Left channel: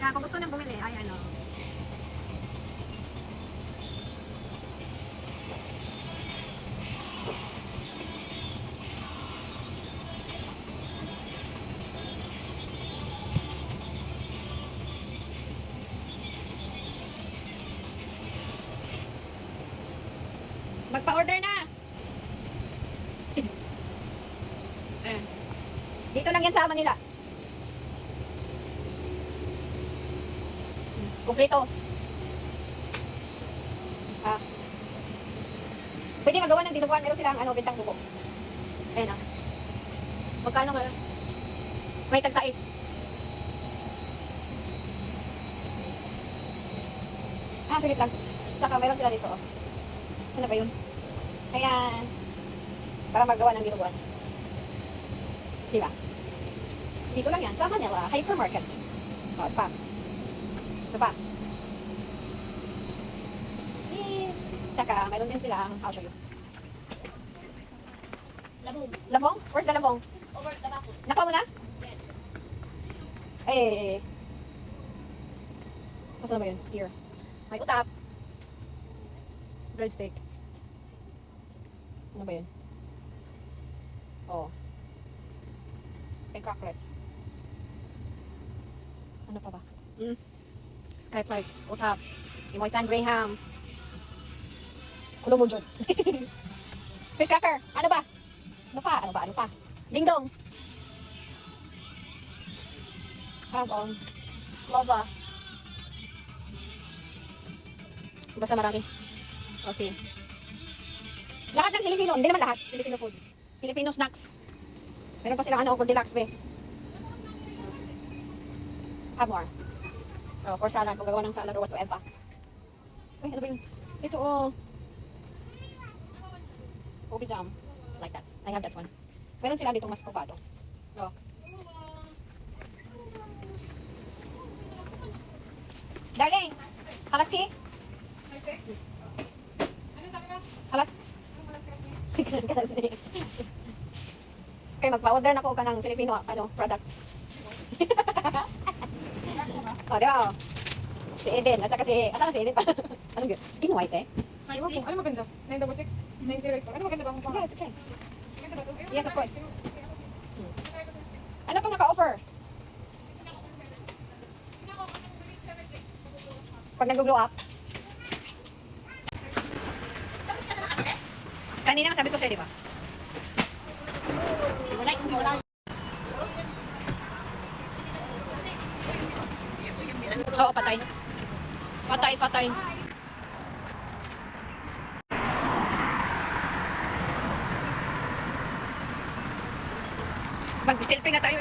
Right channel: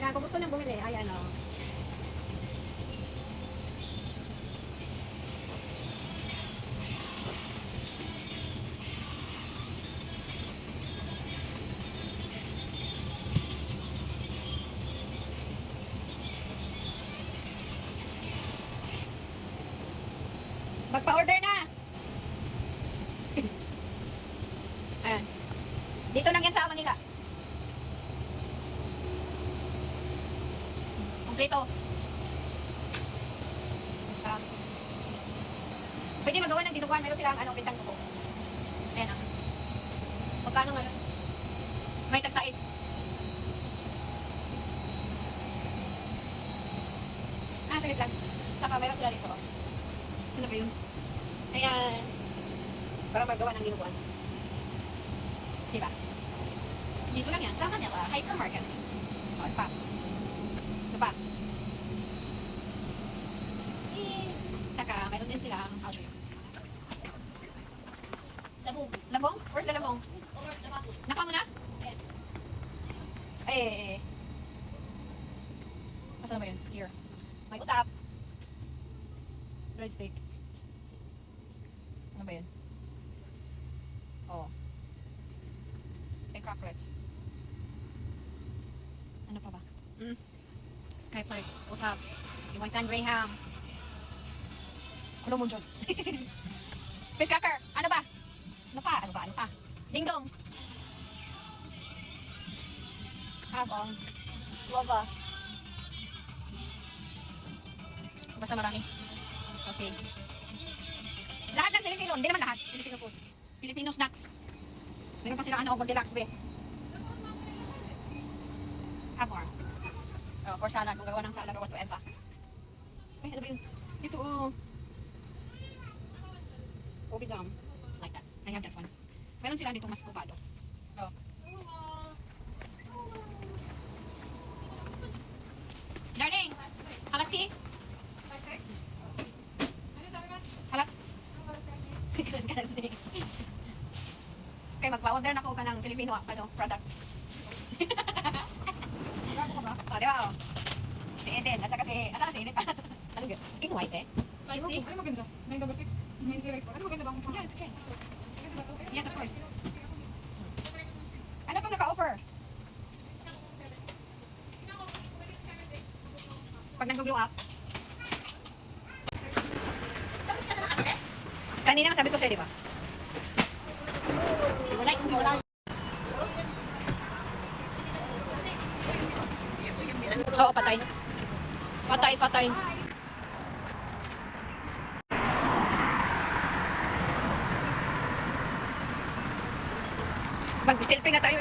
Kaya kung gusto nang bumili, ay ano. Magpa-order na. Dito lang yan sa Manila. Kompleto. Pwede magawa ng dinuguan. Meron silang bintang tubo. Ayan ah. Magkano ngayon? May tag-size. Saglit lang. Saka meron sila dito. Saan na ba yun? Ayan. Para magawa ng dinuguan. Diba? Dito lang yan. Sa Manila Hypermarket. O, spam. Ito pa. Saka, mayroon din sila. I'll show you. Labong. Labong? Where's the labong? Over the back. Nakuha mo na? Yes. Eh. Saan ba yun? Here. May utap. Breadstick. Ano ba yun? Oh. May crocklets. Ano pa ba? Skyflight. Utap. Yung Moisan Graham. Ano mo dyan? Fish cracker. Ano ba? Ano pa? Ano ba? Ano pa? Dingdong. Harbon. Lova. Basta marami. Okay. Lahat ng Filipino. Hindi naman lahat. Filipino food. Filipino snacks. Meron pa silang Goldilocks be. Have more. For salad. Kung gagawa ng salad or whatsoever. Ay, ano ba yun? Ito Kopi jam. Like that. I have that one. Meron sila dito mas kopado. Oh. Darling! Halas tea? Halas? Okay, magpa-order na ko ka ng Filipino product. Oh, di ba? Si Eden, at saka si Eden pa. Anong good? Skin white eh? Ano maganda? 966? 908. Ano maganda ba? Yeah, it's okay. Yes, of course. Ano itong naka-offer? Pag nag-blow up. Kanina sabi ko sa'yo, di ba? Wala. Oo, patay. Patay. Mag-selfie nga tayo.